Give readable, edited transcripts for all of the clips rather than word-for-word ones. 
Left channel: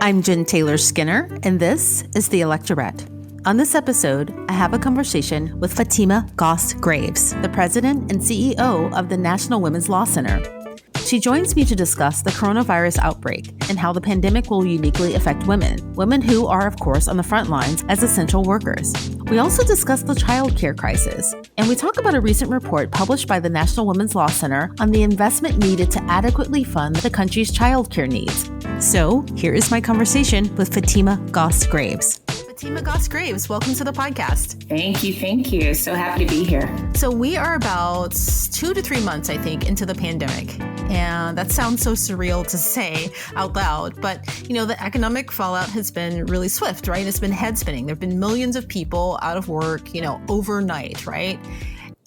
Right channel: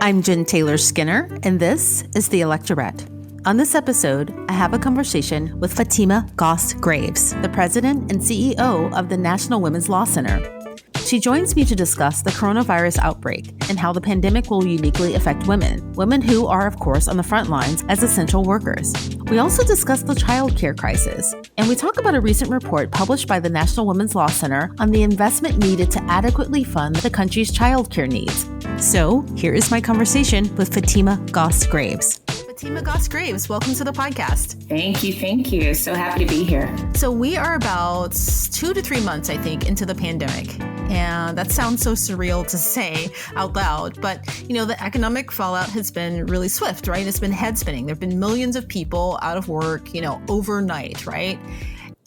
I'm Jen Taylor Skinner, and this is the Electorette. On this episode, I have a conversation with Fatima Goss Graves, the president and CEO of the National Women's Law Center. She joins me to discuss the coronavirus outbreak and how the pandemic will uniquely affect women who are, of course, on the front lines as essential workers. We also discuss the childcare crisis, and we talk about a recent report published by the National Women's Law Center on the investment needed to adequately fund the country's childcare needs. So, here is my conversation with Fatima Goss Graves. Fatima Goss Graves, welcome to the podcast. Thank you. So happy to be here. So we are about 2 to 3 months, I think, into the pandemic. And that sounds so surreal to say out loud, but the economic fallout has been really swift, right? It's been head spinning. There have been millions of people out of work, overnight, right?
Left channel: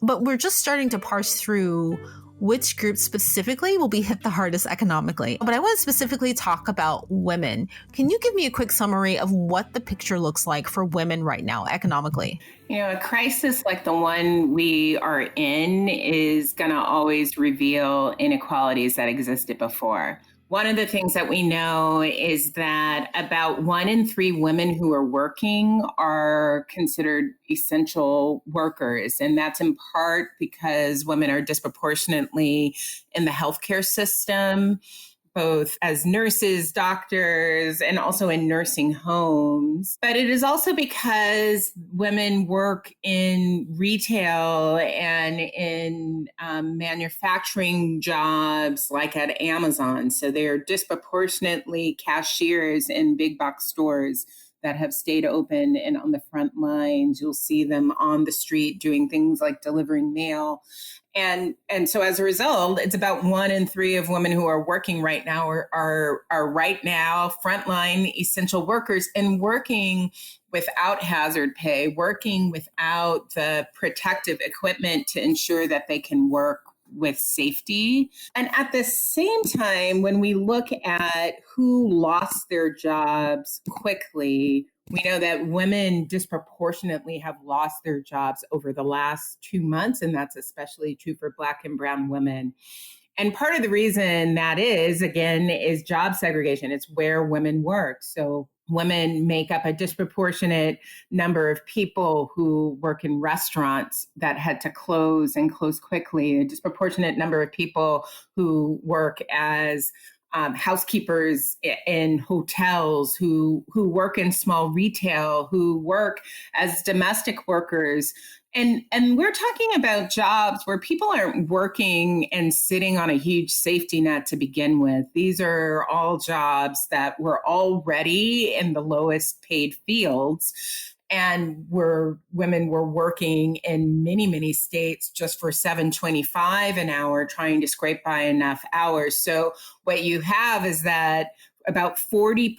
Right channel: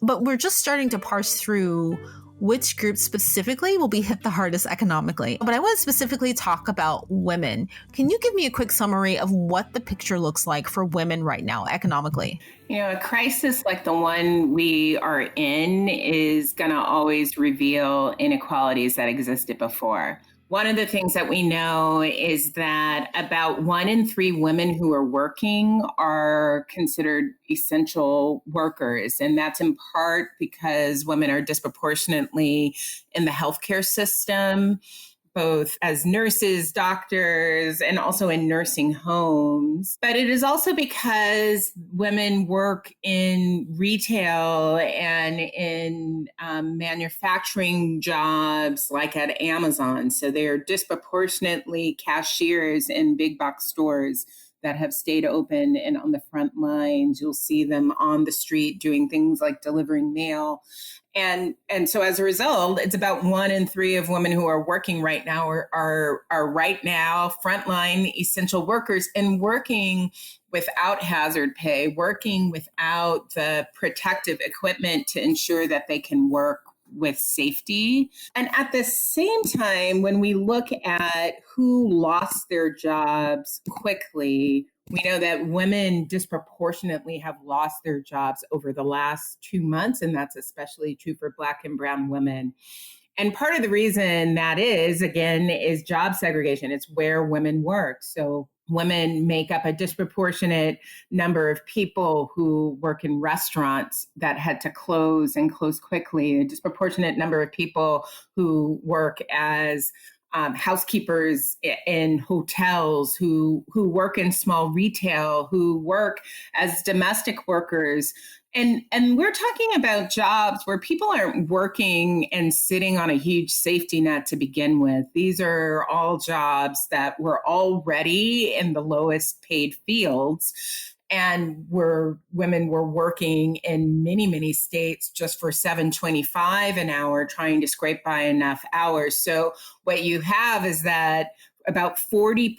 But we're just starting to parse through which groups specifically will be hit the hardest economically. But I want to specifically talk about women. Can you give me a quick summary of what the picture looks like for women right now economically? A crisis like the one we are in is going to always reveal inequalities that existed before. One of the things that we know is that about 1 in 3 women who are working are considered essential workers. And that's in part because women are disproportionately in the healthcare system, both as nurses, doctors, and also in nursing homes. But it is also because women work in retail and in manufacturing jobs like at Amazon. So they're disproportionately cashiers in big box stores that have stayed open and on the front lines. You'll see them on the street doing things like delivering mail. And so as a result, it's about 1 in 3 of women who are working right now are right now frontline essential workers and working without hazard pay, working without the protective equipment to ensure that they can work with safety. And at the same time, when we look at who lost their jobs quickly, we know that women disproportionately have lost their jobs over the last 2 months, and that's especially true for Black and brown women. And part of the reason that is, again, is job segregation. It's where women work. So women make up a disproportionate number of people who work in restaurants that had to close and close quickly, a disproportionate number of people who work as housekeepers in hotels, who work in small retail, who work as domestic workers. And we're talking about jobs where people aren't working and sitting on a huge safety net to begin with. These are all jobs that were already in the lowest paid fields, and where women were working in many states just for $7.25 an hour, trying to scrape by enough hours. So what you have is that about 40%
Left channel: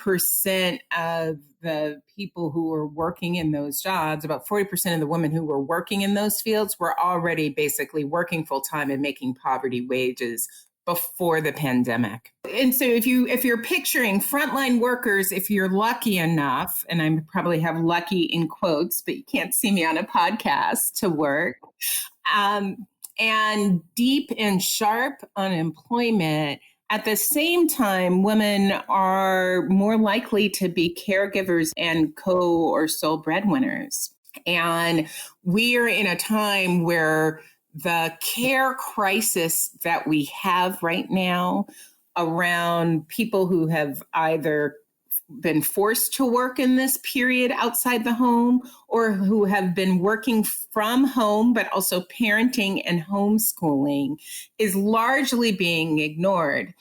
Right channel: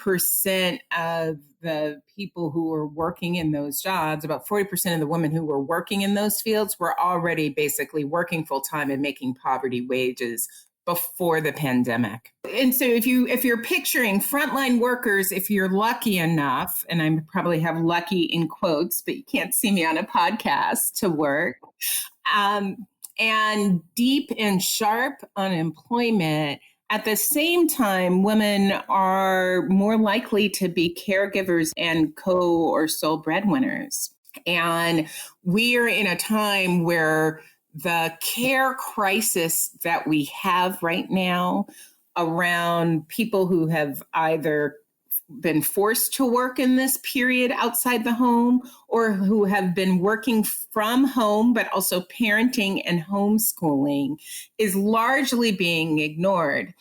of the people who were working in those jobs, about 40% of the women who were working in those fields were already basically working full time and making poverty wages before the pandemic. And so if you're picturing frontline workers, if you're lucky enough, and I probably have lucky in quotes, but you can't see me on a podcast, to work, and deep and sharp unemployment, at the same time, women are more likely to be caregivers and co or sole breadwinners. And we are in a time where the care crisis that we have right now around people who have either been forced to work in this period outside the home or who have been working from home, but also parenting and homeschooling, is largely being ignored.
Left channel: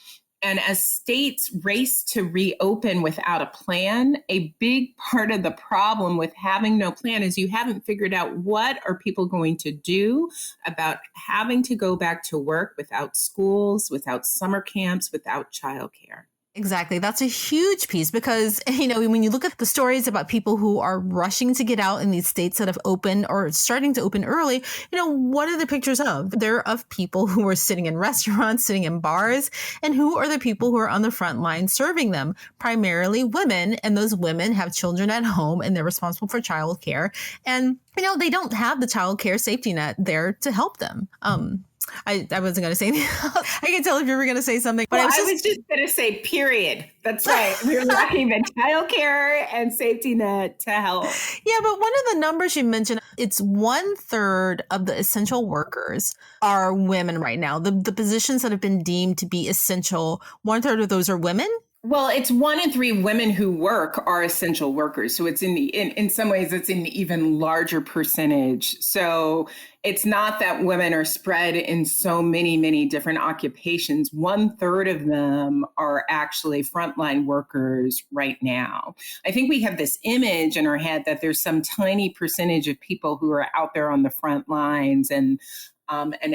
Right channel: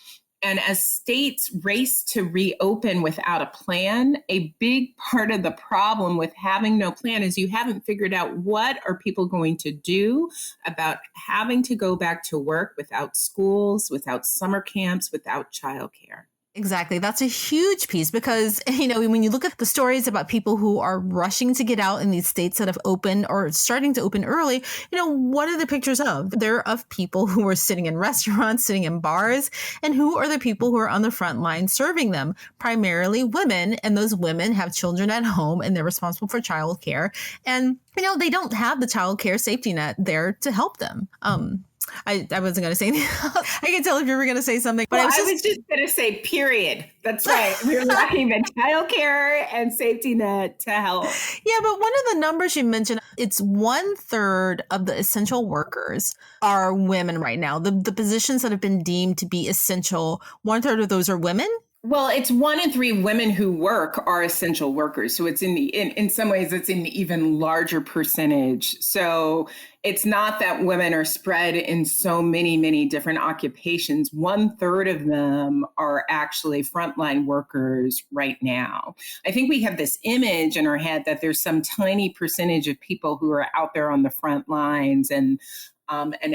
And as states race to reopen without a plan, a big part of the problem with having no plan is you haven't figured out what are people going to do about having to go back to work without schools, without summer camps, without childcare. Exactly. That's a huge piece because, when you look at the stories about people who are rushing to get out in these states that have opened or starting to open early, what are the pictures of? They're of people who are sitting in restaurants, sitting in bars, and who are the people who are on the front line serving them? Primarily women, and those women have children at home and they're responsible for childcare. And, they don't have the childcare safety net there to help them. I wasn't going to say anything. I can tell if you were going to say something. But I was just going to say, period. That's right. We're lacking in childcare and safety net to help. Yeah, but one of the numbers you mentioned, it's 1/3 of the essential workers are women right now. The positions that have been deemed to be essential, 1/3 of those are women. Well, it's 1 in 3 women who work are essential workers. So it's in some ways, it's an even larger percentage. So it's not that women are spread in so many different occupations. 1/3 of them are actually frontline workers right now. I think we have this image in our head that there's some tiny percentage of people who are out there on the front lines and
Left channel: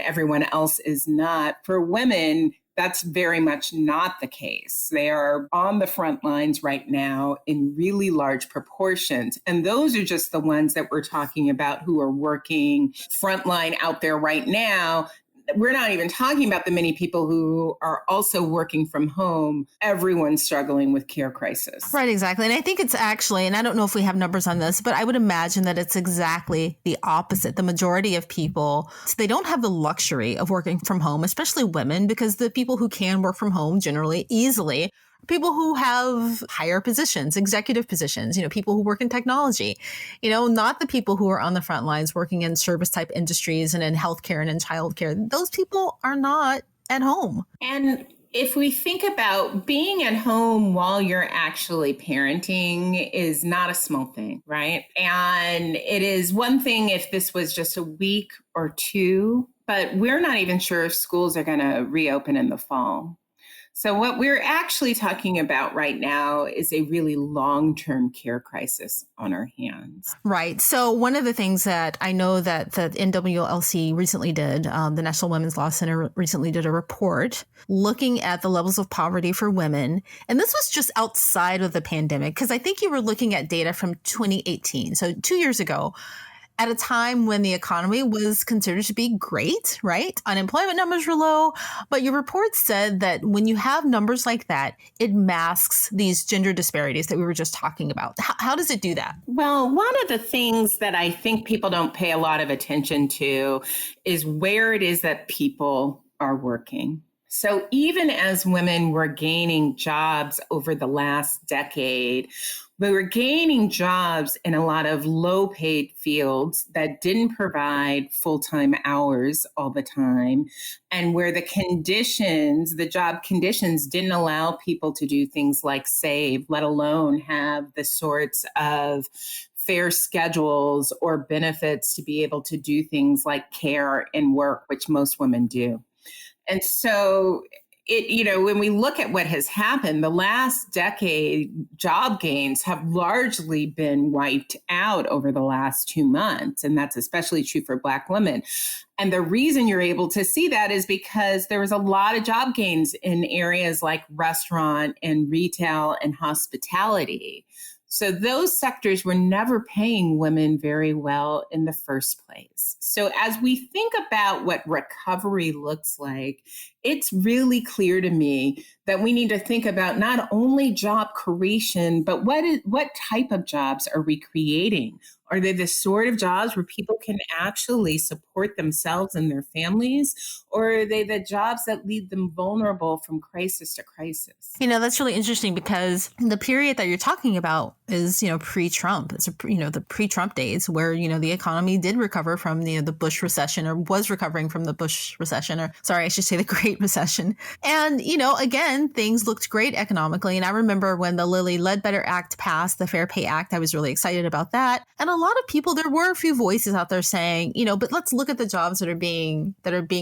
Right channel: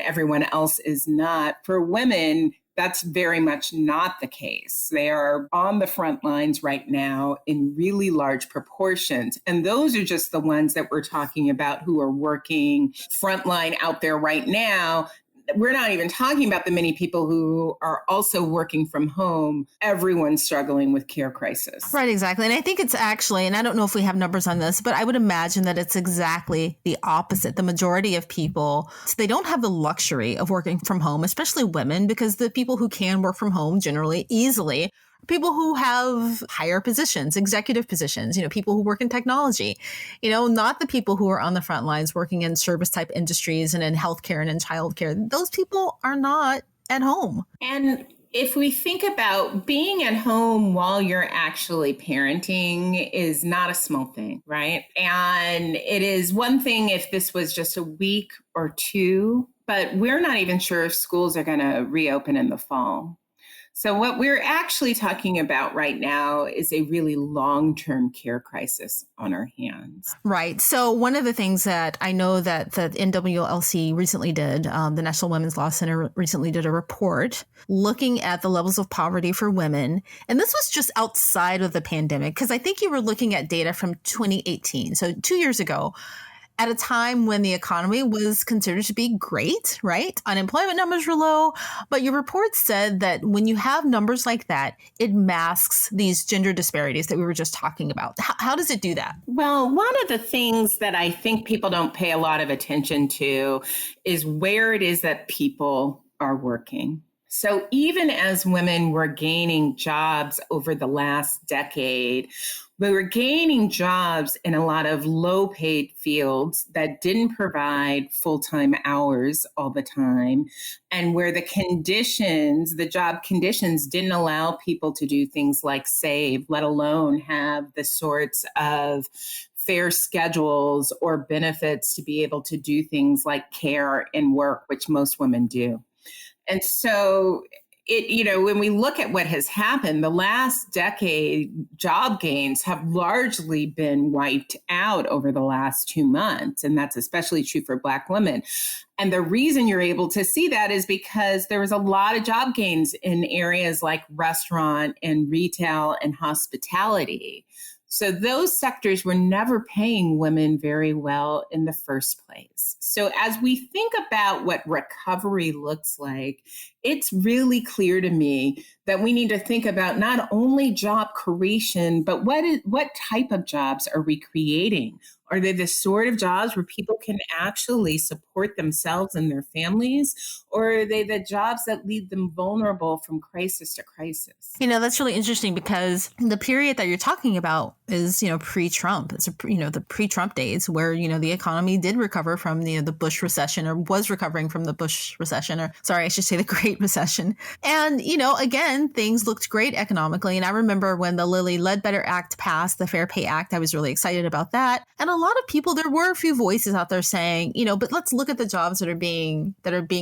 everyone else is not. For women, that's very much not the case. They are on the front lines right now in really large proportions. And those are just the ones that we're talking about who are working frontline out there right now. We're not even talking about the many people who are also working from home. Everyone's struggling with care crisis. Right, exactly. And I think it's actually, and I don't know if we have numbers on this, but I would imagine that it's exactly the opposite. The majority of people, they don't have the luxury of working from home, especially women, because the people who can work from home generally easily people who have higher positions, executive positions, people who work in technology, not the people who are on the front lines working in service type industries and in healthcare and in childcare. Those people are not at home. And if we think about being at home while you're actually parenting is not a small thing, right? And it is one thing if this was just a week or two, but we're not even sure if schools are going to reopen in the fall. So what we're actually talking about right now is a really long-term care crisis on our hands. Right. So one of the things that I know that NWLC recently did, the National Women's Law Center recently did a report looking at the levels of poverty for women. And this was just outside of the pandemic, because I think you were looking at data from 2018. So 2 years ago, at a time when the economy was considered to be great, right? Unemployment numbers were low, but your report said that when you have numbers like that, it masks these gender disparities that we were just talking about. How does it do that? Well, one of the things that I think people don't pay a lot of attention to is where it is that people are working. So even as women were gaining jobs over the last decade, we were gaining jobs in a lot of low-paid fields that didn't provide full-time hours all the time, and where the job conditions didn't allow people to do things like save, let alone have the sorts of fair schedules or benefits to be able to do things like care and work, which most women do. And so when we look at what has happened, the last decade, job gains have largely been wiped out over the last 2 months. And that's especially true for Black women. And the reason you're able to see that is because there was a lot of job gains in areas like restaurant and retail and hospitality. So those sectors were never paying women very well in the first place. So as we think about what recovery looks like, it's really clear to me that we need to think about not only job creation, but what type of jobs are we creating? Are they the sort of jobs where people can actually support themselves and their families? Or are they the jobs that leave them vulnerable from crisis to crisis? That's really interesting because the period that you're talking about is, pre-Trump. It's, the pre-Trump days where, the economy did recover from the Bush recession, or was recovering from the Bush recession, or sorry, I should say the Great Recession. And, again, things looked great economically. And I remember when the Lilly Ledbetter Act passed, the Fair Pay Act, I was really excited about that. And a lot of people, there were a few voices out there saying, but let's look at the jobs that are being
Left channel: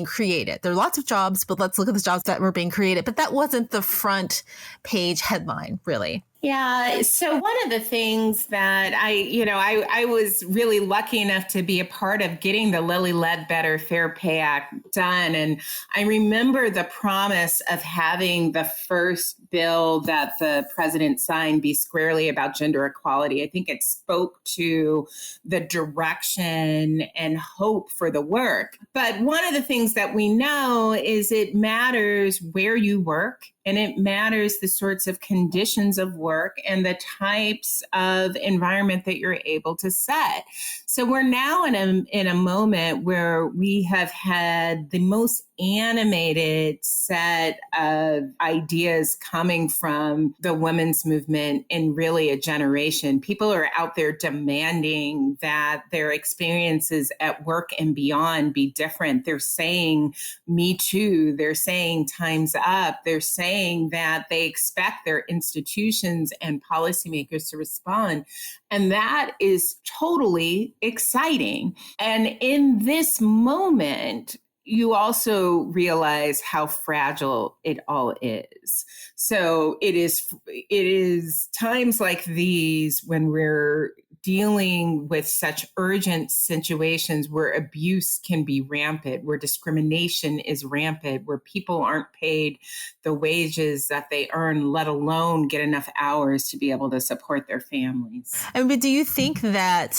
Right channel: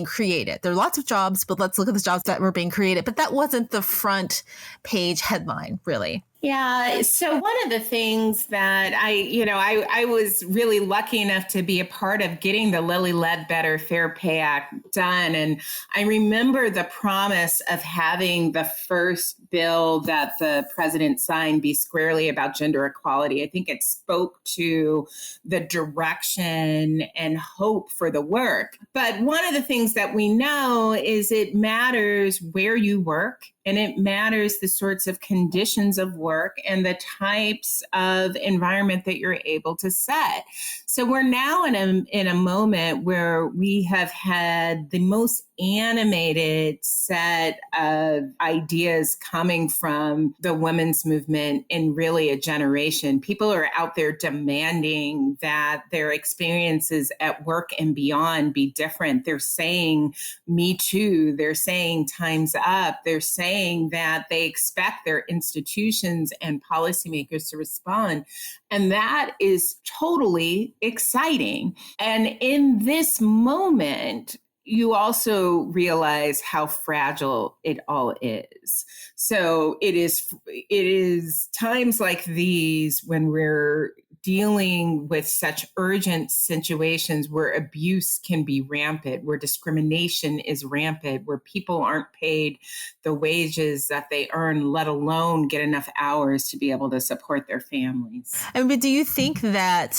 created. There are lots of jobs, but let's look at the jobs that were being created. But that wasn't the front page headline, really. Yeah. So one of the things that I was really lucky enough to be a part of getting the Lilly Ledbetter Fair Pay Act done. And I remember the promise of having the first bill that the president signed be squarely about gender equality. I think it spoke to the direction and hope for the work. But one of the things that we know is it matters where you work And it matters the sorts of conditions of work and the types of environment that you're able to set. So we're now in a moment where we have had the most animated set of ideas coming from the women's movement in really a generation. People are out there demanding that their experiences at work and beyond be different. They're saying Me Too. They're saying time's up. They're saying that they expect their institutions and policymakers to respond. And that is totally exciting. And in this moment, you also realize how fragile it all is. So it is times like these when we're dealing with such urgent situations where abuse can be rampant, where discrimination is rampant, where people aren't paid the wages that they earn, let alone get enough hours to be able to support their families. But do you think that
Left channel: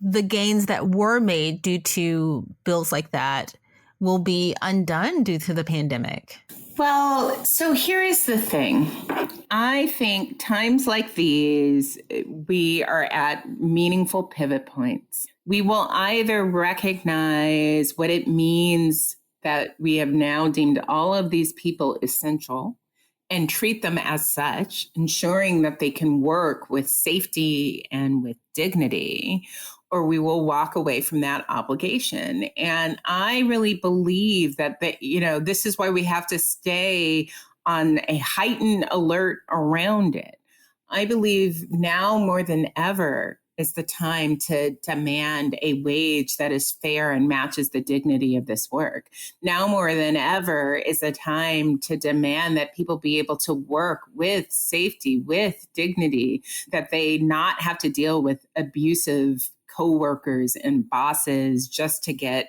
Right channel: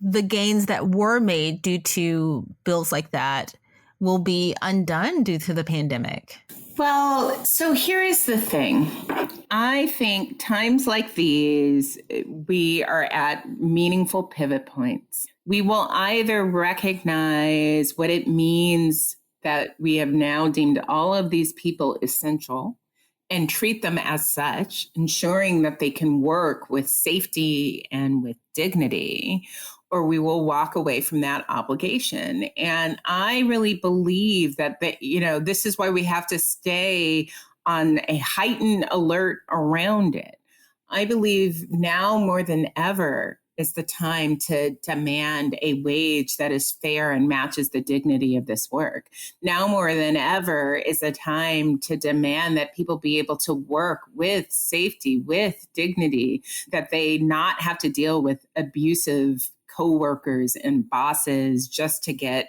the gains that were made due to bills like that will be undone due to the pandemic? Well, so here is the thing. I think times like these, we are at meaningful pivot points. We will either recognize what it means that we have now deemed all of these people essential and treat them as such, ensuring that they can work with safety and with dignity, or we will walk away from that obligation. And I really believe that this is why we have to stay on a heightened alert around it. I believe now more than ever is the time to demand a wage that is fair and matches the dignity of this work. Now more than ever is the time to demand that people be able to work with safety, with dignity, that they not have to deal with abusive coworkers and bosses just to get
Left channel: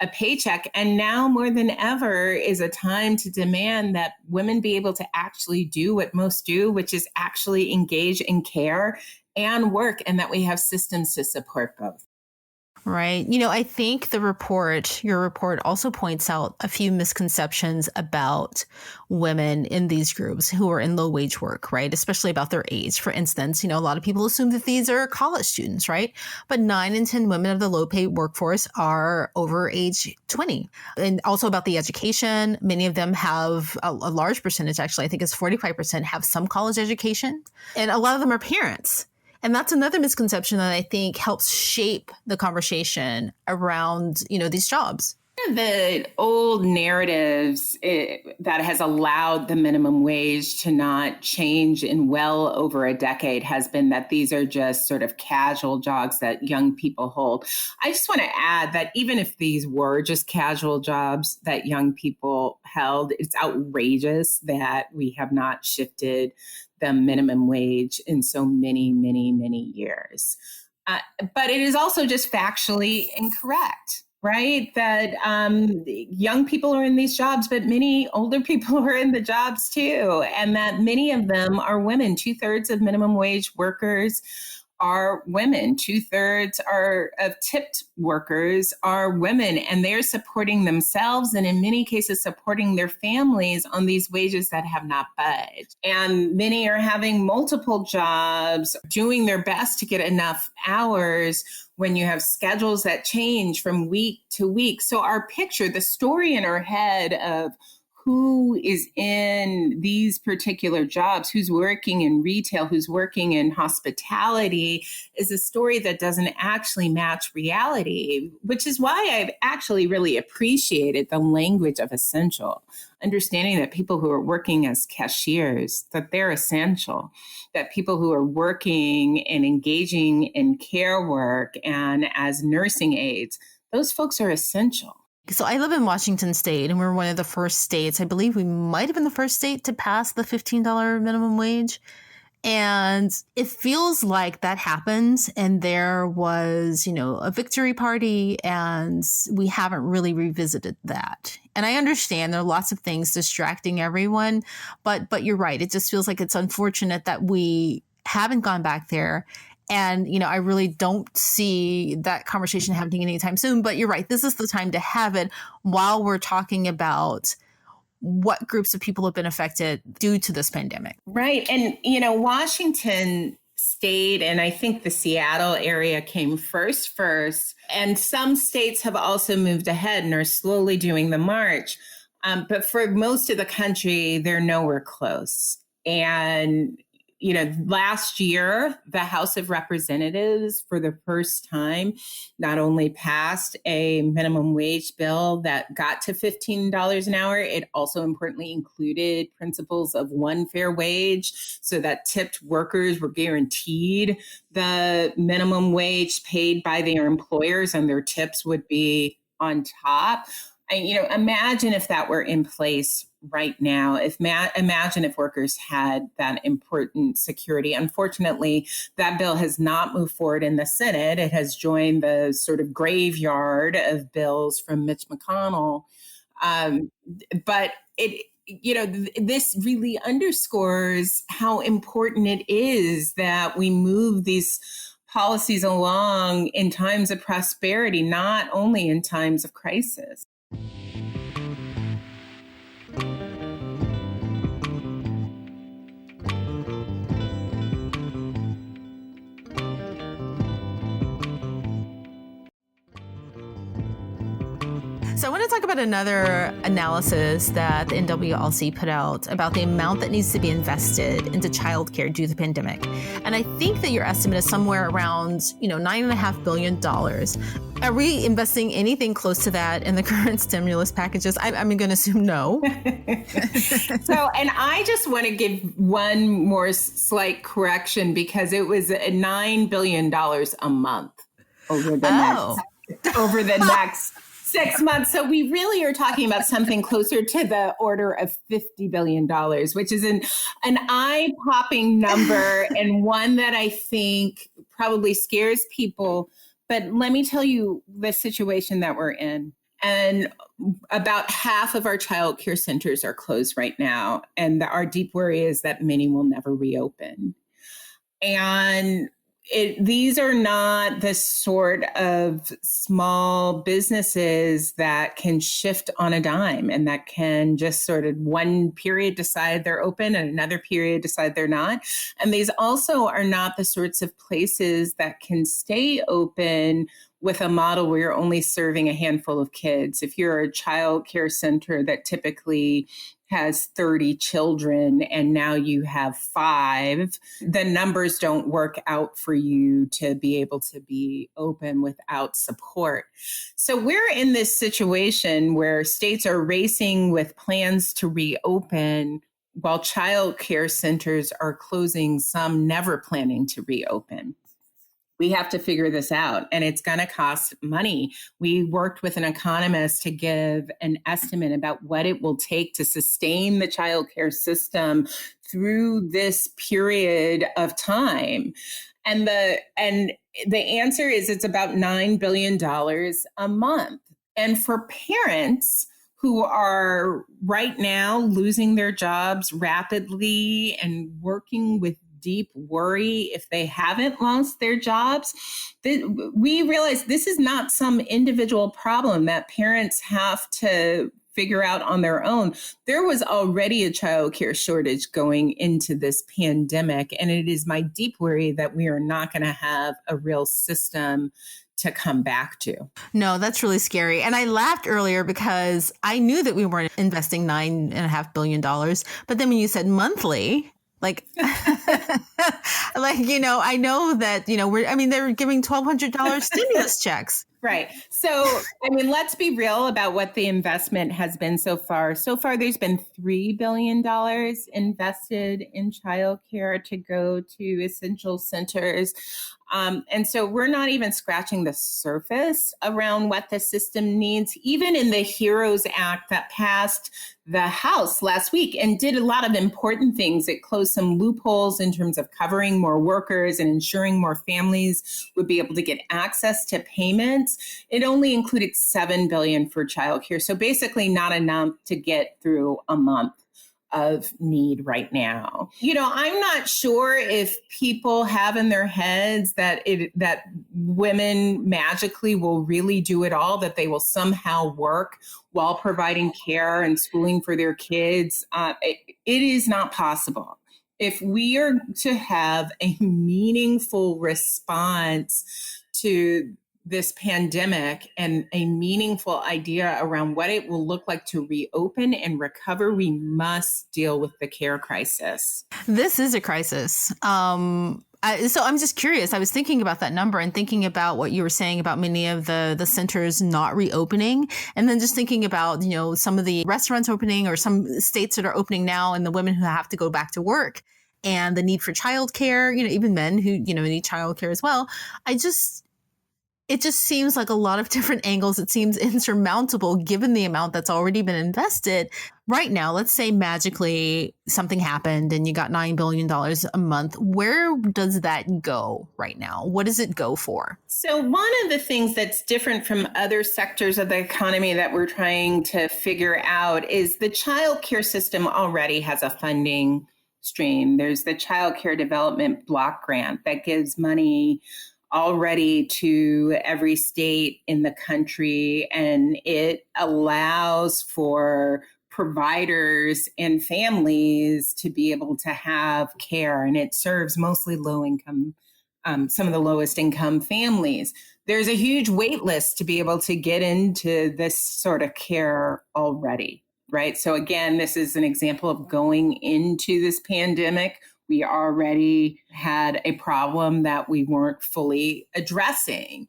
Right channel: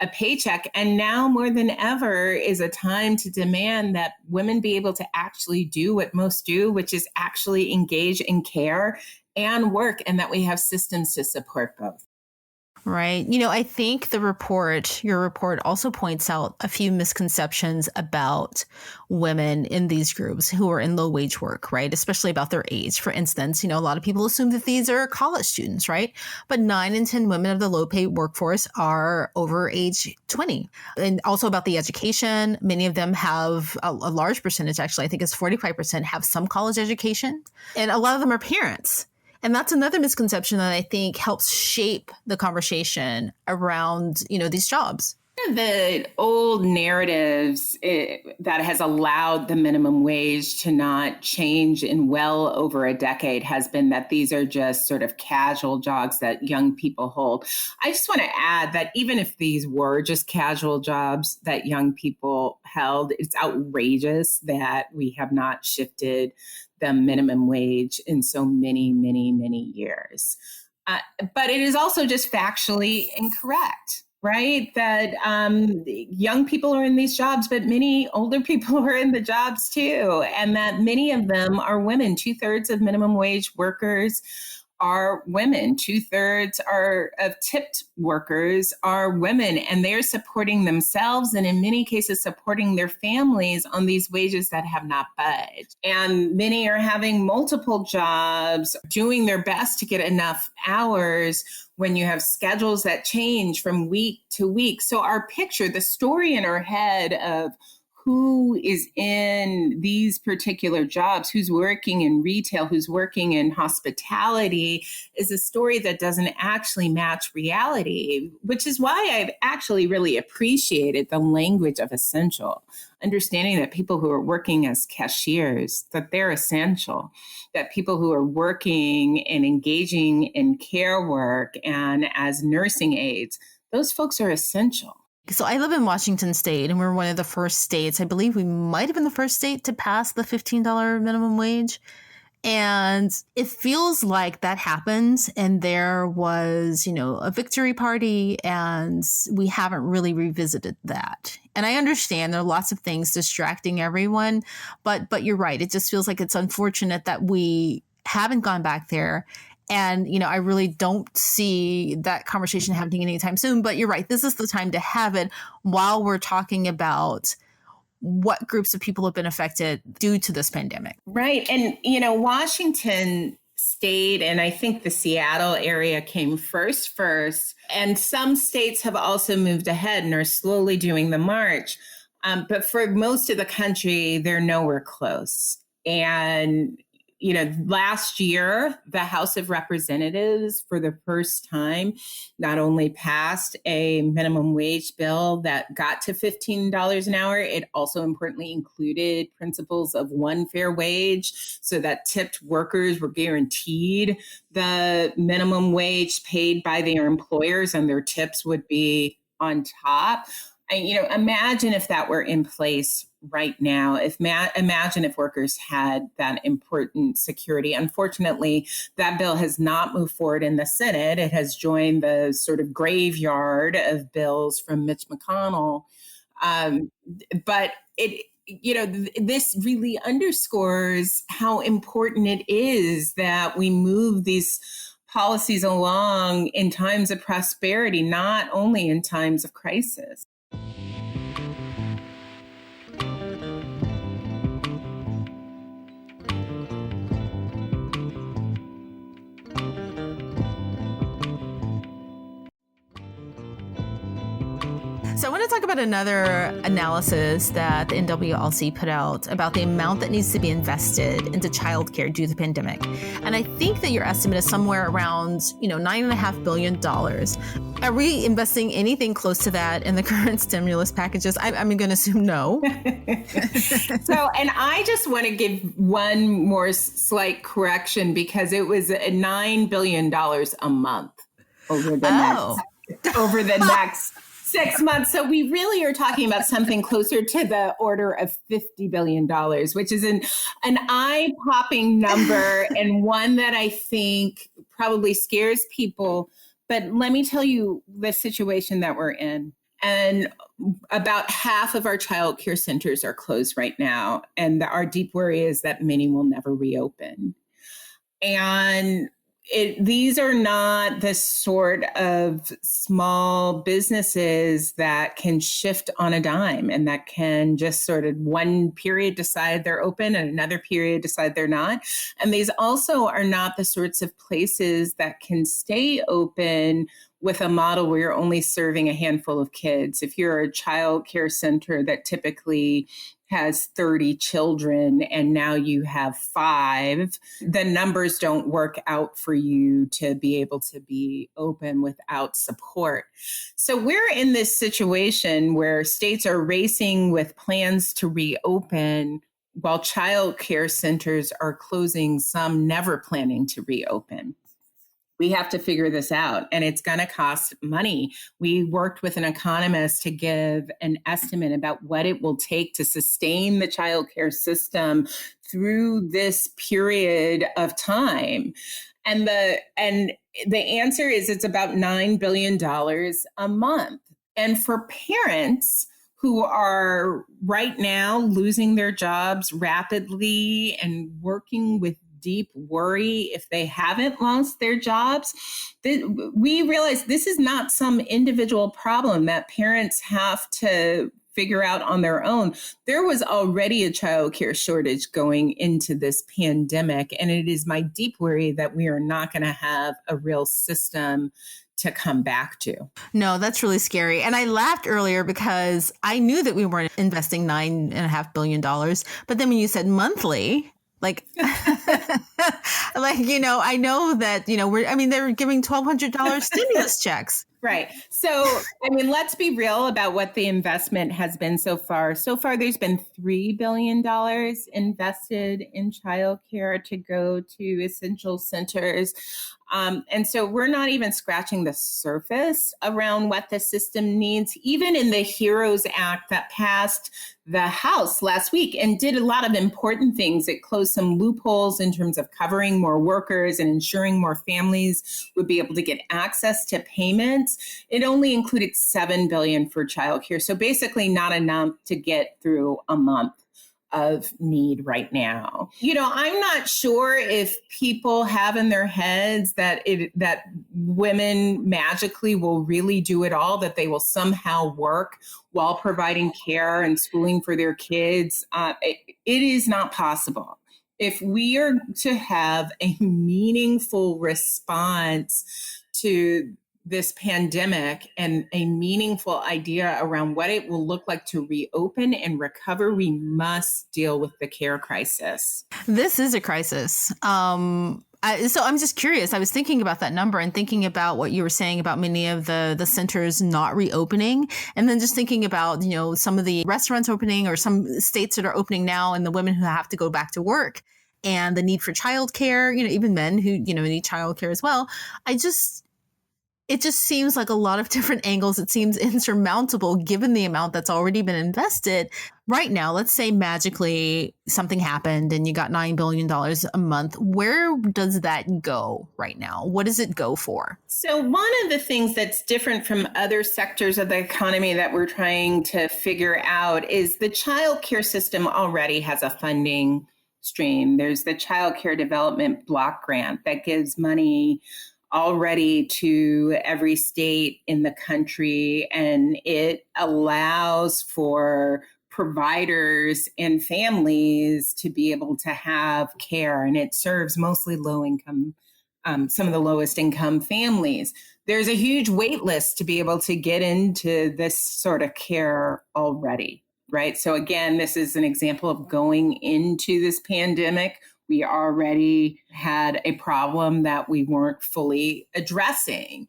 a paycheck. And now more than ever is a time to demand that women be able to actually do what most do, which is actually engage in care and work, and that we have systems to support both. Right. I think your report also points out a few misconceptions about women in these groups who are in low wage work, right? Especially about their age. For instance, a lot of people assume that these are college students, right? But 9 in 10 women of the low paid workforce are over age 20. And also about the education, many of them have a large percentage, actually, I think it's 45% have some college education. And a lot of them are parents. And that's another misconception that I think helps shape the conversation around, these jobs. The old narratives that has allowed the minimum wage to not change in well over a decade has been that these are just sort of casual jobs that young people hold. I just want to add that even if these were just casual jobs that young people held, it's outrageous that we have not shifted the minimum wage in so many, many, many years. But it is also just factually incorrect, right? That young people are in these jobs, but many older people are in the jobs too. And that many of them are women. 2/3 of minimum wage workers are women. 2/3 of tipped workers are women, and they're supporting themselves and in many cases supporting their families on these wages that have not budged. And many are having multiple jobs, doing their best to get enough hours when you have schedules that change from week to week. So our picture, the story in our head of who is in these particular jobs, who's working in retail, who's working in hospitality, is a story that doesn't actually match reality, which is why I've actually really appreciated the language of essential, understanding that people who are working as cashiers, that they're essential, that people who are working and engaging in care work and as nursing aides, those folks are essential. So I live in Washington State, and we're one of the first states. I believe we might have been the first state to pass the $15 minimum wage. And it feels like that happens, and there was, a victory party, and we haven't really revisited that. And I understand there are lots of things distracting everyone, but you're right. It just feels like it's unfortunate that we haven't gone back there. And, I really don't see that conversation happening anytime soon. But you're right. This is the time to have it while we're talking about what groups of people have been affected due to this pandemic. Right. And, Washington State and I think the Seattle area came first. And some states have also moved ahead and are slowly doing the march. But for most of the country, they're nowhere close. And, last year, the House of Representatives, for the first time, not only passed a minimum wage bill that got to $15 an hour, it also importantly included principles of one fair wage so that tipped workers were guaranteed the minimum wage paid by their employers and their tips would be on top. Imagine if that were in place right now. Imagine if workers had that important security. Unfortunately, that bill has not moved forward in the Senate. It has joined the sort of graveyard of bills from Mitch McConnell. But this really underscores how important it is that we move these policies along in times of prosperity, not only in times of crisis. So I want to talk about another analysis that the NWLC put out about the amount that needs to be invested into childcare due to the pandemic. And I think that your estimate is somewhere around, $9.5 billion. Are we investing anything close to that in the current stimulus packages? I'm going to assume no. And I just want to give one more slight correction because it was $9 billion a month over the next 6 months. So we really are talking about something closer to the order of $50 billion, which is an eye-popping number and one that I think probably scares people. But let me tell you the situation that we're in. And about half of our child care centers are closed right now. And our deep worry is that many will never reopen. And these are not the sort of small businesses that can shift on a dime and that can just sort of one period decide they're open and another period decide they're not. And these also are not the sorts of places that can stay open with a model where you're only serving a handful of kids. If you're a child care center that typically has 30 children and now you have 5, the numbers don't work out for you to be able to be open without support. So we're in this situation where states are racing with plans to reopen while child care centers are closing, some never planning to reopen. We have to figure this out, and it's going to cost money. We worked with an economist to give an estimate about what it will take to sustain the child care system through this period of time. And the answer is it's about $9 billion a month. And for parents who are right now losing their jobs rapidly and working with deep worry if they haven't lost their jobs, we realize this is not some individual problem that parents have to figure out on their own. There was already a child care shortage going into this pandemic, and it is my deep worry that we are not going to have a real system to come back to. No, that's really scary. And I laughed earlier because I knew that we weren't investing $9.5 billion. But then when you said monthly, I know that, they're giving $1,200 stimulus checks. Right. So, let's be real about what the investment has been so far. So far, there's been $3 billion invested in childcare to go to essential centers. And so we're not even scratching the surface around what the system needs, even in the HEROES Act that passed the House last week and did a lot of important things. It closed some loopholes in terms of covering more workers and ensuring more families would be able to get access to payments. It only included $7 billion for childcare. So basically not enough to get through a month of need right now. I'm not sure if people have in their heads that women magically will really do it all, that they will somehow work while providing care and schooling for their kids. It is not possible. If we are to have a meaningful response to this pandemic and a meaningful idea around what it will look like to reopen and recover, we must deal with the care crisis. This is a crisis. So I'm just curious. I was thinking about that number and thinking about what you were saying about many of the centers not reopening. And then just thinking about, some of the restaurants opening or some states that are opening now and the women who have to go back to work and the need for childcare, even men who, need childcare as well. It just seems like a lot of different angles. It seems insurmountable given the amount that's already been invested. Right now, let's say magically something happened and you got $9 billion a month. Where does that go right now? What does it go for? So one of the things that's different from other sectors of the economy that we're trying to figure out is the child care system already has a funding stream. There's the Child Care Development Block Grant that gives money already to every state in the country, and it allows for providers and families to be able to have care, and it serves mostly low income, some of the lowest income families. There's a huge wait list to be able to get into this sort of care already, right? So again, this is an example of going into this pandemic. We already had a problem that we weren't fully addressing.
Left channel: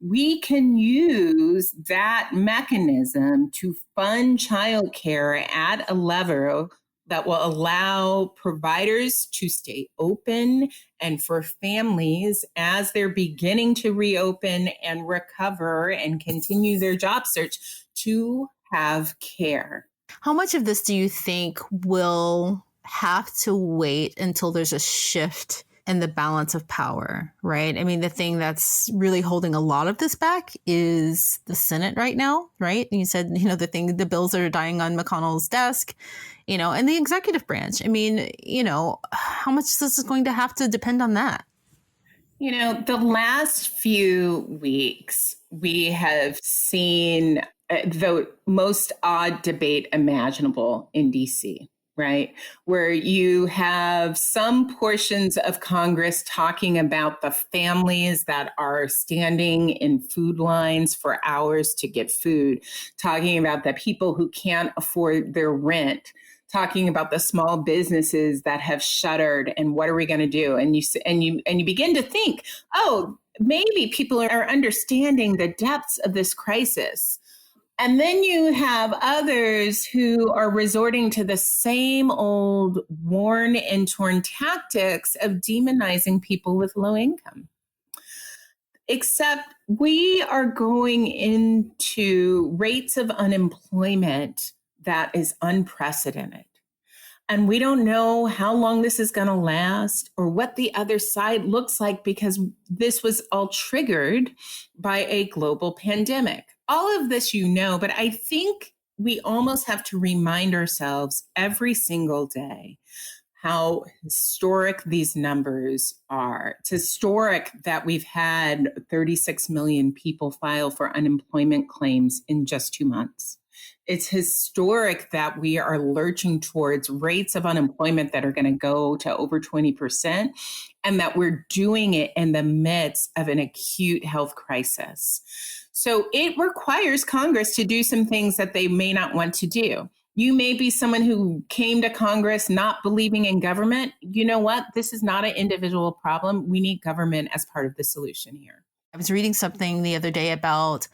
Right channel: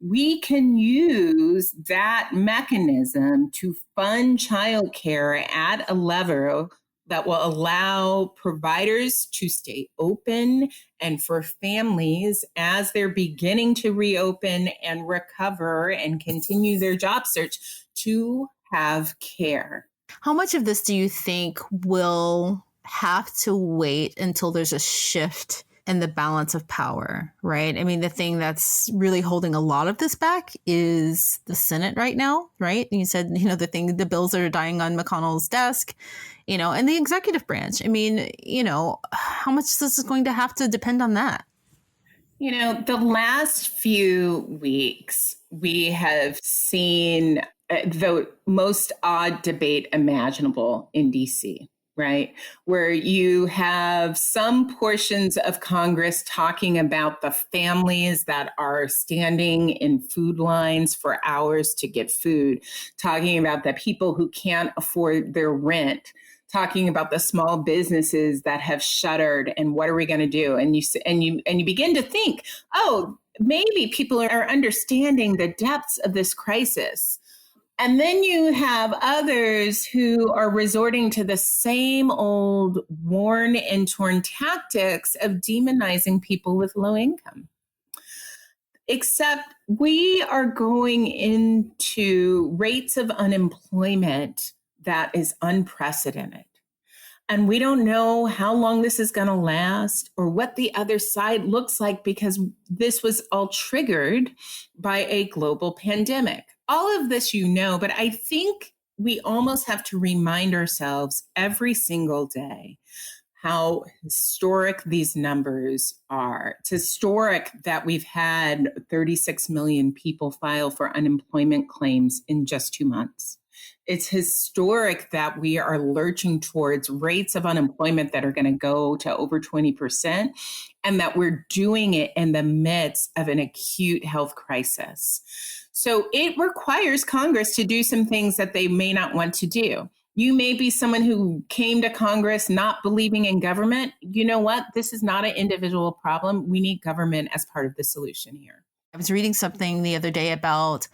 We can use that mechanism to fund childcare at a level that will allow providers to stay open and for families as they're beginning to reopen and recover and continue their job search to have care. How much of this do you think will have to wait until there's a shift in the balance of power, right? I mean, the thing that's really holding a lot of this back is the Senate right now, right? And you said, the bills that are dying on McConnell's desk, and the executive branch. I mean, how much is this going to have to depend on that? The last few weeks, we have seen the most odd debate imaginable in DC. Right, where you have some portions of Congress talking about the families that are standing in food lines for hours to get food, talking about the people who can't afford their rent, talking about the small businesses that have shuttered and what are we going to do? And you begin to think, oh, maybe people are understanding the depths of this crisis. And then you have others who are resorting to the same old worn and torn tactics of demonizing people with low income. Except we are going into rates of unemployment that is unprecedented. And we don't know how long this is going to last or what the other side looks like because this was all triggered by a global pandemic. All of this, but I think we almost have to remind ourselves every single day how historic these numbers are. It's historic that we've had 36 million people file for unemployment claims in just 2 months. It's historic that we are lurching towards rates of unemployment that are going to go to over 20%, and that we're doing it in the midst of an acute health crisis. So it requires Congress to do some things that they may not want to do. You may be someone who came to Congress not believing in government. You know what? This is not an individual problem. We need government as part of the solution here. I was reading something the other day about,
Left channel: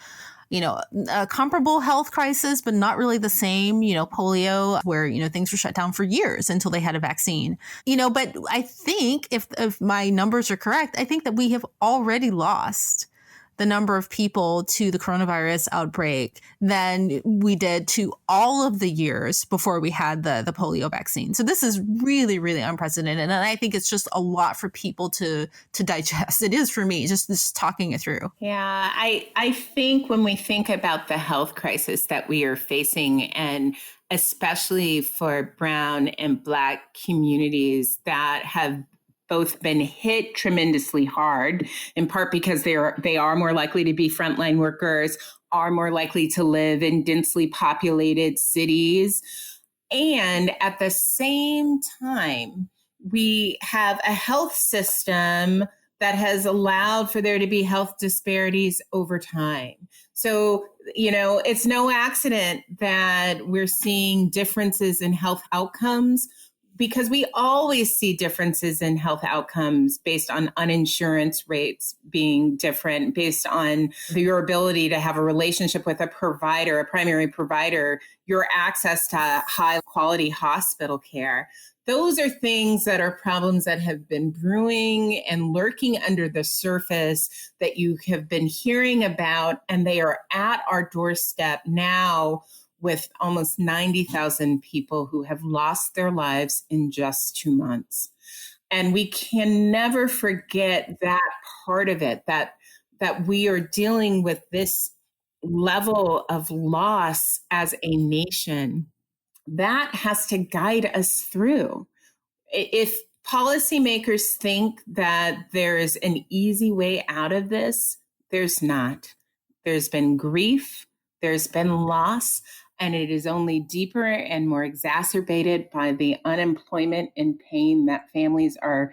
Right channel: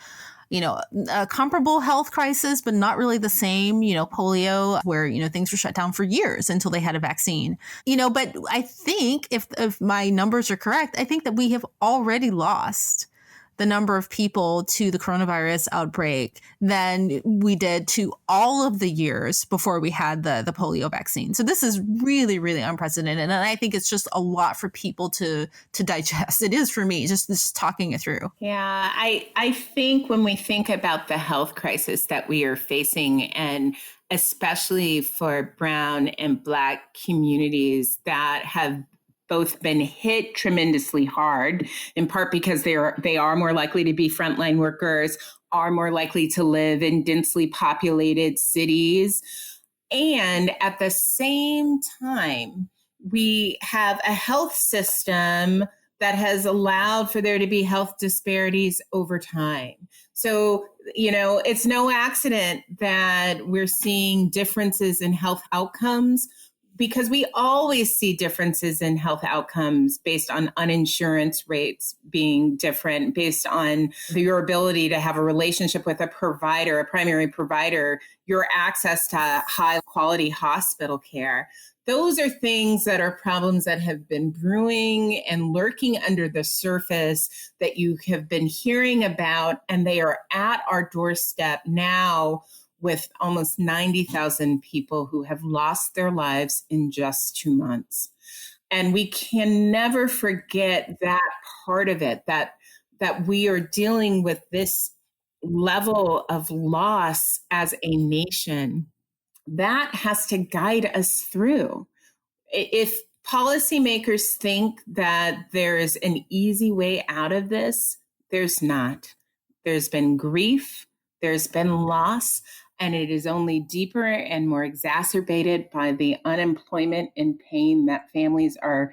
a comparable health crisis, but not really the same, polio, where, things were shut down for years until they had a vaccine, but I think if my numbers are correct, I think that we have already lost the number of people to the coronavirus outbreak than we did to all of the years before we had the polio vaccine. So this is really, really unprecedented. And I think it's just a lot for people to digest. It is for me, just talking it through. Yeah, I think when we think about the health crisis that we are facing and especially for Brown and Black communities that have both been hit tremendously hard, in part because they are more likely to be frontline workers, are more likely to live in densely populated cities. And at the same time, we have a health system that has allowed for there to be health disparities over time. So, it's no accident that we're seeing differences in health outcomes, because we always see differences in health outcomes based on uninsurance rates being different, based on your ability to have a relationship with a provider, a primary provider, your access to high quality hospital care. Those are things that are problems that have been brewing and lurking under the surface that you have been hearing about, and they are at our doorstep now, with almost 90,000 people who have lost their lives in just 2 months. And we can never forget that part of it, that we are dealing with this level of loss as a nation. That has to guide us through. If policymakers think that there is an easy way out of this, there's not. There's been grief, there's been loss, and it is only deeper and more exacerbated by the unemployment and pain that families are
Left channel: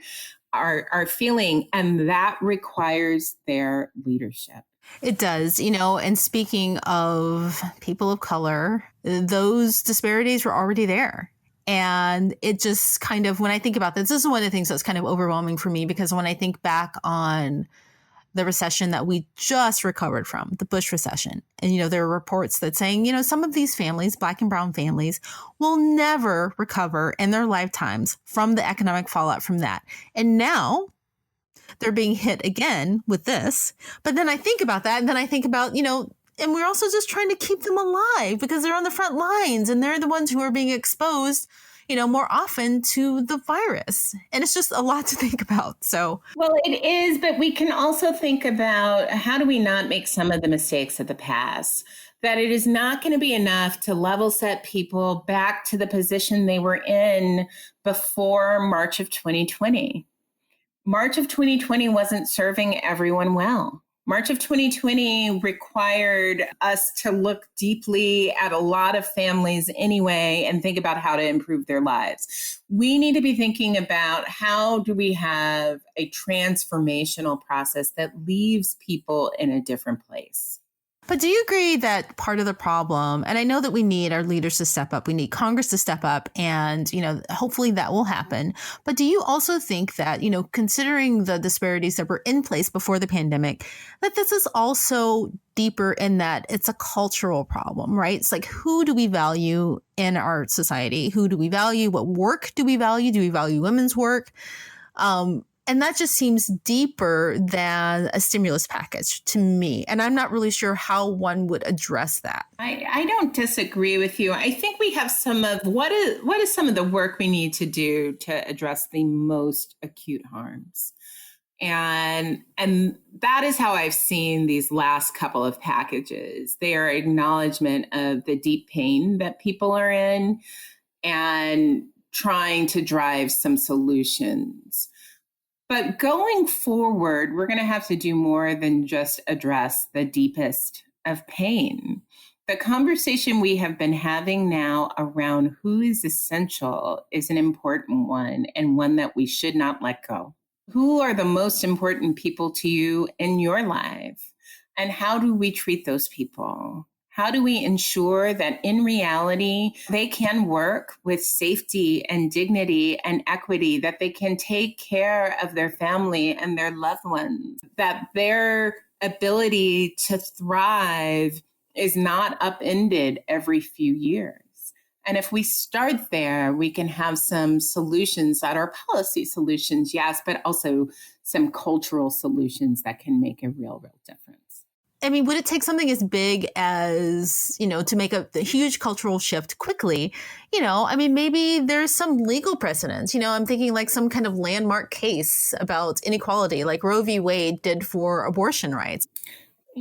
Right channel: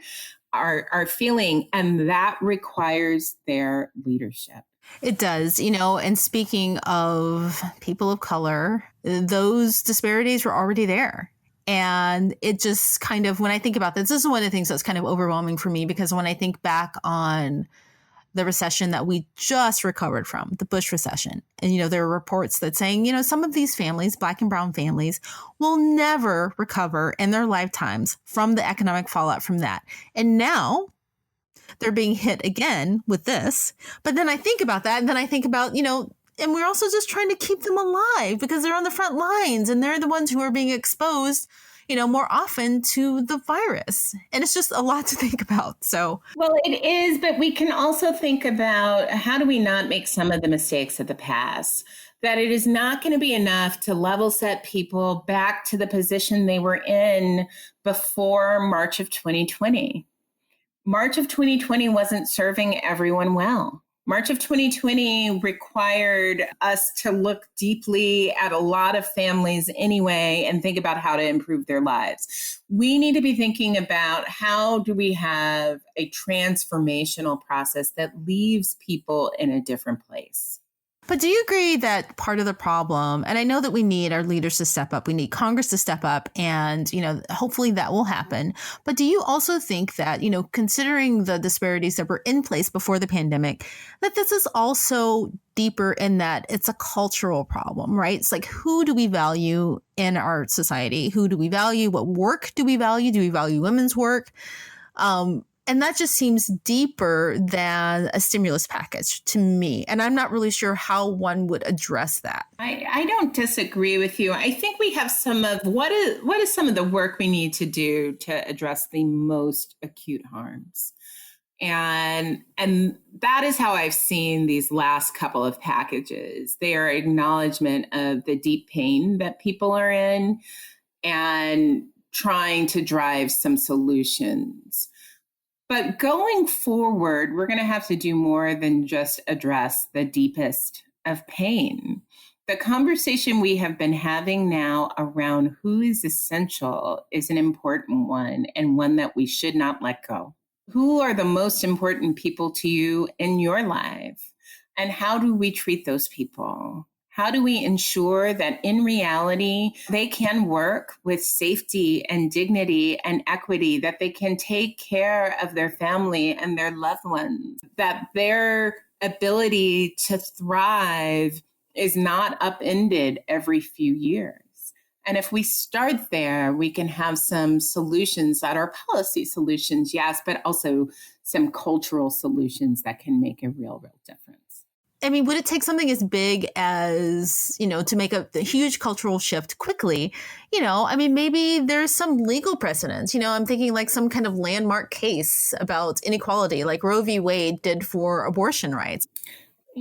feeling, and that requires their leadership. It does, and speaking of people of color, those disparities were already there. And it just kind of, when I think about this is one of the things that's kind of overwhelming for me, because when I think back on the recession that we just recovered from, the Bush recession. And, there are reports that saying, some of these families, Black and brown families, will never recover in their lifetimes from the economic fallout from that. And now they're being hit again with this. But then I think about that, and then I think about, and we're also just trying to keep them alive because they're on the front lines and they're the ones who are being exposed, more often to the virus. And it's just a lot to think about. So, well, it is, but we can also think about how do we not make some of the mistakes of the past? That it is not going to be enough to level set people back to the position they were in before March of 2020. March of 2020 wasn't serving everyone well. March of 2020 required us to look deeply at a lot of families anyway and think about how to improve their lives. We need to be thinking about how do we have a transformational process that leaves people in a different place. But do you agree that part of the problem, and I know that we need our leaders to step up, we need Congress to step up, and, hopefully that will happen. But do you also think that, considering the disparities that were in place before the pandemic, that this is also deeper in that it's a cultural problem, right? It's like, who do we value in our society? Who do we value? What work do we value? Do we value women's work? And that just seems deeper than a stimulus package to me. And I'm not really sure how one would address that. I don't disagree with you. I think we have some of what is some of the work we need to do to address the most acute harms. And that is how I've seen these last couple of packages. They are acknowledgement of the deep pain that people are in and trying to drive some solutions. But going forward, we're going to have to do more than just address the deepest of pain. The conversation we have been having now around who is essential is an important one, and one that we should not let go. Who are the most important people to you in your life? And how do we treat those people? How do we ensure that in reality, they can work with safety and dignity and equity, that they can take care of their family and their loved ones, that their ability to thrive is not upended every few years? And if we start there, we can have some solutions that are policy solutions, yes, but also some cultural solutions that can make a real difference. I mean, would it take something as big as, to make a huge cultural shift quickly? Maybe there's some legal precedents. I'm thinking like some kind of landmark case about inequality, like Roe v. Wade did for abortion rights.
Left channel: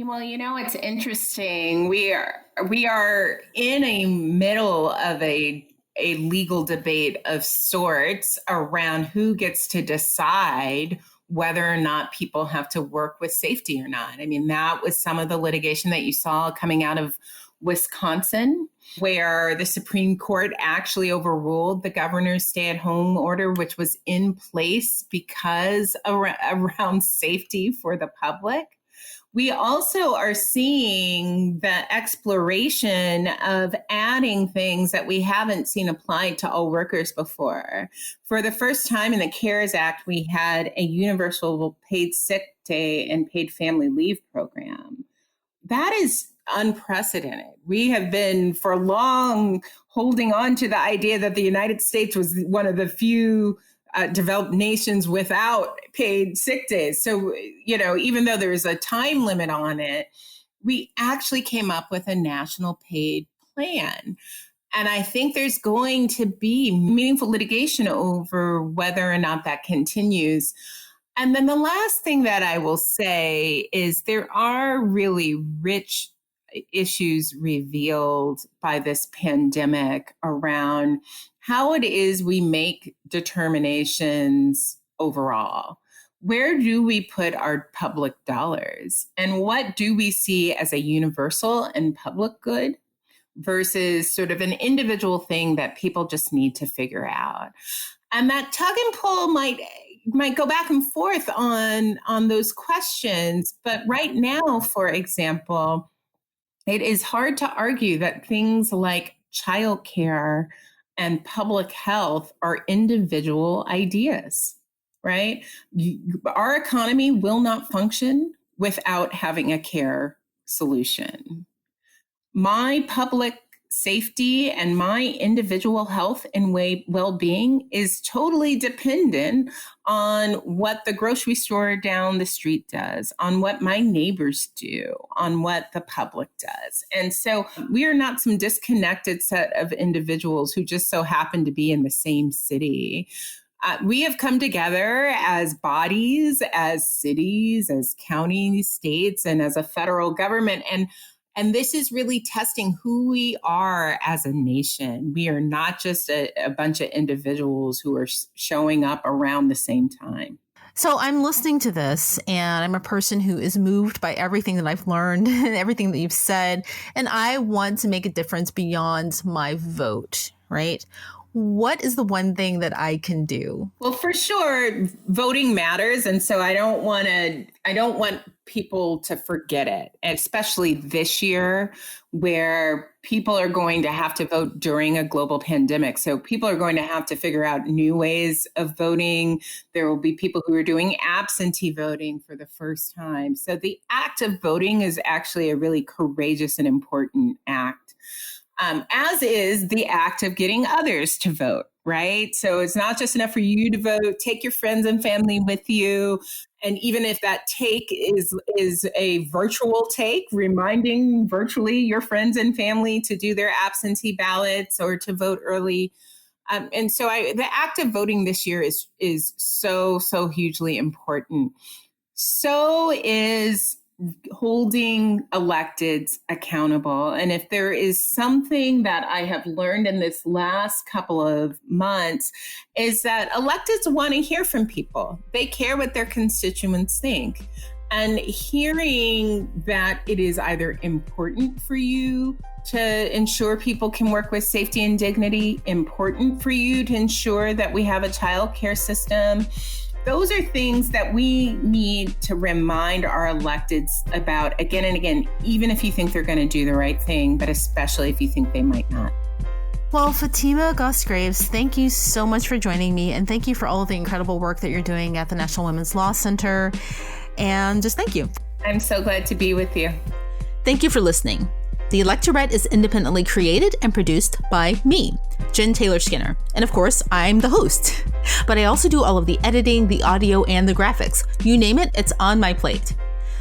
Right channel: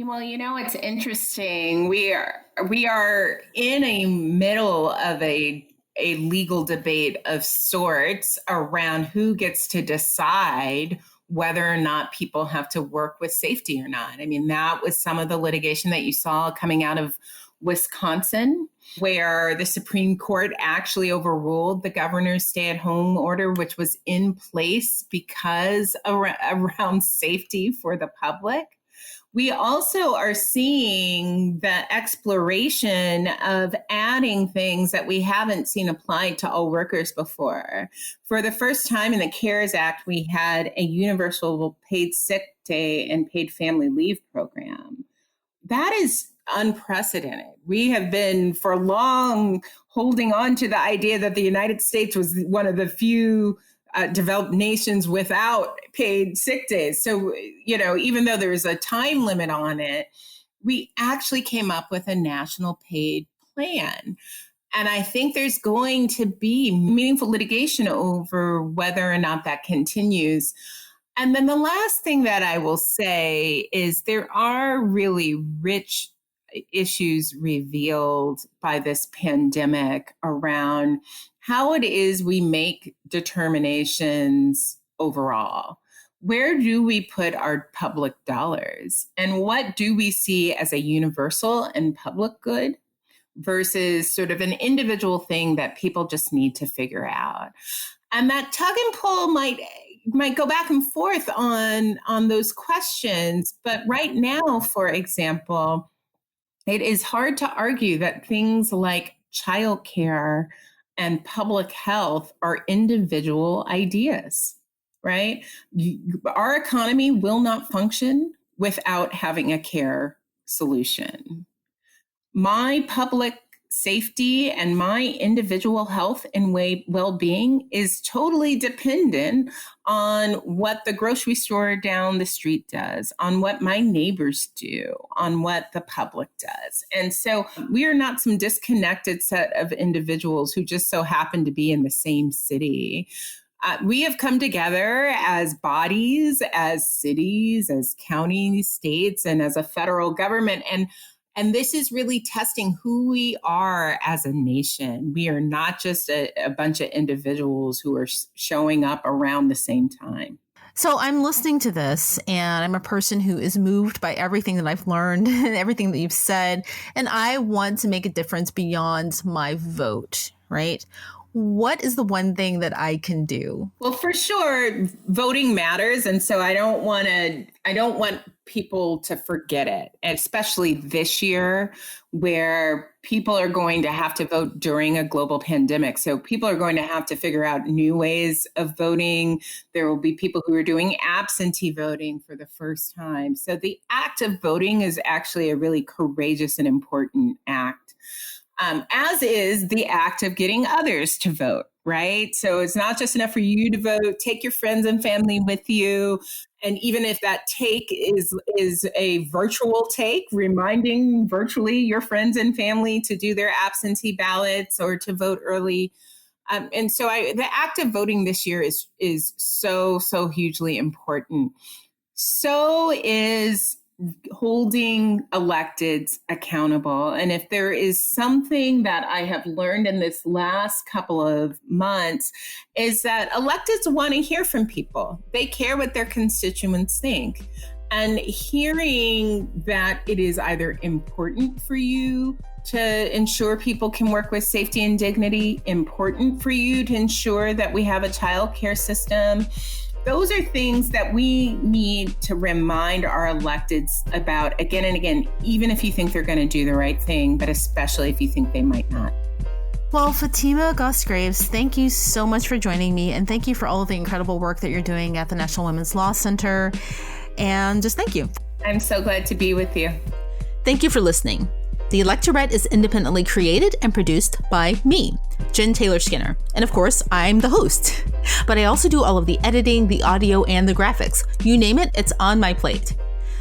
Well, it's interesting. We are in a middle of a legal debate of sorts around who gets to decide whether or not people have to work with safety or not. I mean, that was some of the litigation that you saw coming out of Wisconsin, where the Supreme Court actually overruled the governor's stay-at-home order, which was in place because around safety for the public. We also are seeing the exploration of adding things that we haven't seen applied to all workers before. For the first time in the CARES Act, we had a universal paid sick day and paid family leave program. That is unprecedented. We have been for long holding on to the idea that the United States was one of the few developed nations without paid sick days. So, even though there's a time limit on it, we actually came up with a national paid plan. And I think there's going to be meaningful litigation over whether or not that continues. And then the last thing that I will say is there are really rich issues revealed by this pandemic around how it is we make determinations overall. Where do we put our public dollars? And what do we see as a universal and public good versus sort of an individual thing that people just need to figure out? And that tug and pull might go back and forth on those questions. But right now, for example, it is hard to argue that things like childcare and public health are individual ideas, right? Our economy will not function without having a care solution. My public safety and my individual health and well-being is totally dependent on what the grocery store down the street does, on what my neighbors do, on what the public does. And so we are not some disconnected set of individuals who just so happen to be in the same city. We have come together as bodies, as cities, as counties, states, and as a federal government. And this is really testing who we are as a nation. We are not just a bunch of individuals who are showing up around the same time. So I'm listening to this, and I'm a person who is moved by everything that I've learned and everything that you've said. And I want to make a difference beyond my vote, right? What is the one thing that I can do? Well, for sure, voting matters. And so I don't want people to forget it, especially this year where people are going to have to vote during a global pandemic. So people are going to have to figure out new ways of voting. There will be people who are doing absentee voting for the first time. So the act of voting is actually a really courageous and important act. As is the act of getting others to vote, right? So it's not just enough for you to vote, take your friends and family with you. And even if that take is a virtual take, reminding virtually your friends and family to do their absentee ballots or to vote early. And so the act of voting this year is so hugely important. So is holding electeds accountable. And if there is something that I have learned in this last couple of months is that electeds want to hear from people. They care what their constituents think. And hearing that it is either important for you to ensure people can work with safety and dignity, important for you to ensure that we have a childcare system, those are things that we need to remind our electeds about again and again, even if you think they're going to do the right thing, but especially if you think they might not. Well, Fatima Goss Graves, thank you so much for joining me, and thank you for all of the incredible work that you're doing at the National Women's Law Center. And just thank you. I'm so glad to be with you. Thank you for listening. The Electorette is independently created and produced by me, Jen Taylor Skinner. And of course, I'm the host. But I also do all of the editing, the audio, and the graphics. You name it, it's on my plate.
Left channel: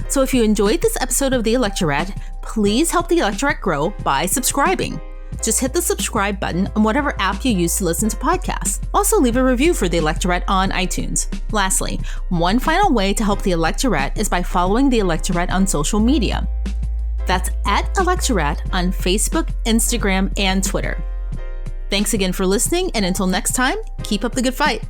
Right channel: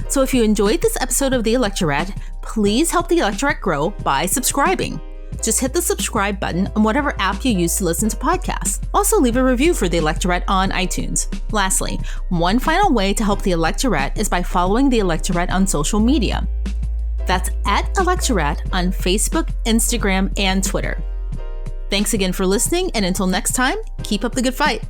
So if you enjoyed this episode of The Electorette, please help The Electorette grow by subscribing. Just hit the subscribe button on whatever app you use to listen to podcasts. Also, leave a review for the Electorette on iTunes. Lastly, one final way to help the Electorette is by following the Electorette on social media. That's at Electorette on Facebook, Instagram, and Twitter. Thanks again for listening, and until next time, keep up the good fight.